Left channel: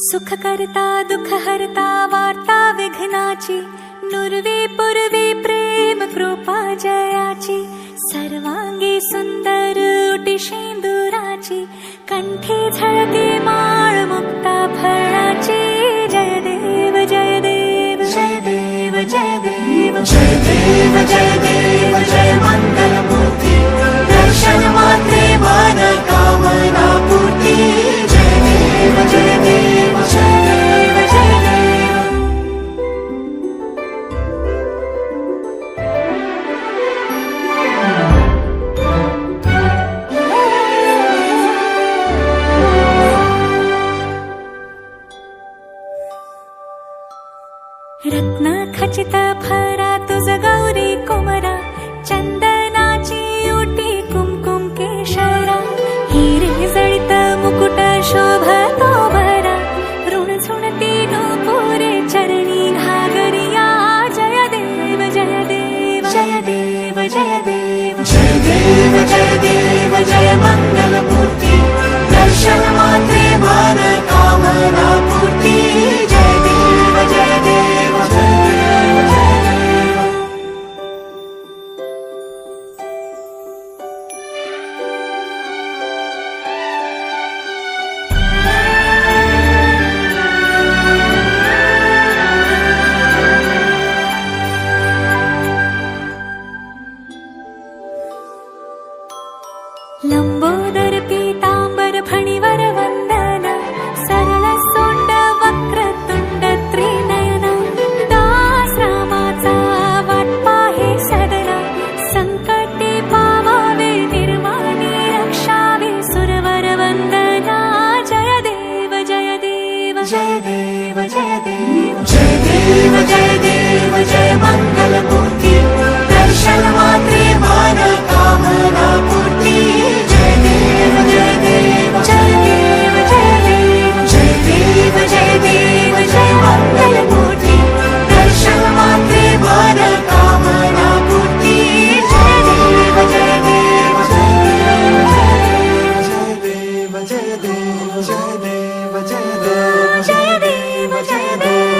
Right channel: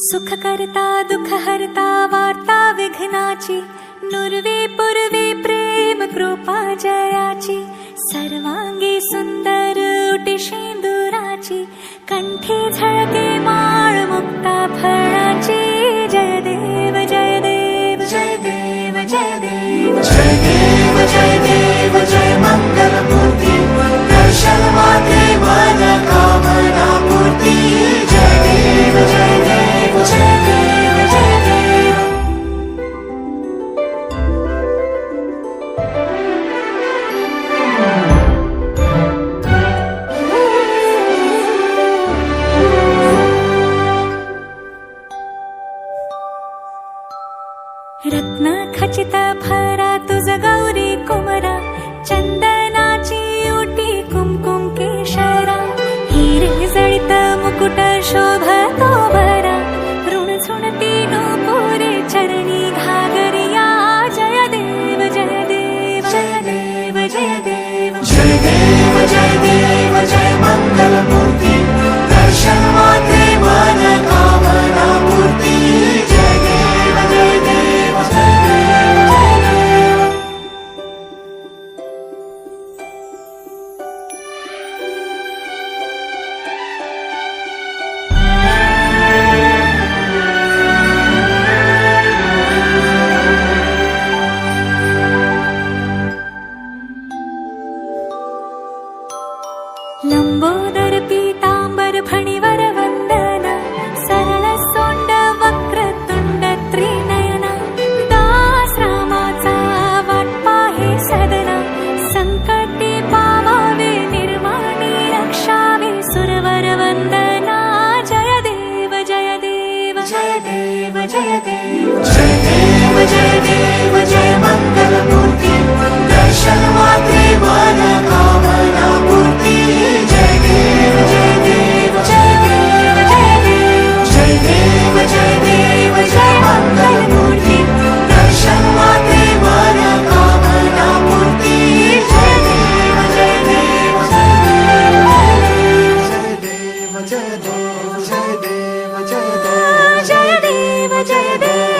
सुख करता दुःख हरता वार्ता विघ्नाची, नुरवी पूर्वी प्रेम कृपा जयाची, सर्वांगी सुंदर उटी शेंदुराची, कंठी झळके माळ मुक्ता फळाची. जय देव जय देव जय देव जय देव जय देव जय देव जय मंगल मूर्ती, दर्शन मात्रे मन कामना पूर्ती. जय देव जय देव जय देव जय देव. रत्न खचित भरा तुझ गौरी कुमरा, चंदनाची उटी कुमकुम केशरा, हिरे जळित मुकुट शोभतो भरा, ऋण झुणती नूपुरे चरणी घागरिया. जय देव जय देव जय देव जय देव जय देव जय देव जय मंगल मूर्ती, दर्शन मात्रे मन कामना पूर्ती. जय देव जय देव जय देव जय देव. लंबोदर पीतांबर फणीवर वंदना, सरळ सोंड वक्रतुंड त्रिनयना, दास रामाचा वाटपा हे सदना, संकटे पावावे निर्वाणी रक्षावे सुरवर वंदना. जय देव जय देव जय देव जय देव जय देव जय देव जय मंगल मूर्ती, दर्शन मात्रे मन कामना पूर्ती. जय देव जय देव जय देव जय देव जय देव जय देव जय मंगल मूर्ती, दर्शन मात्रे मन कामना पूर्ती. जय देव जय देव जय देव जय देव जय देव जय देव जय देव जय देव जय देव.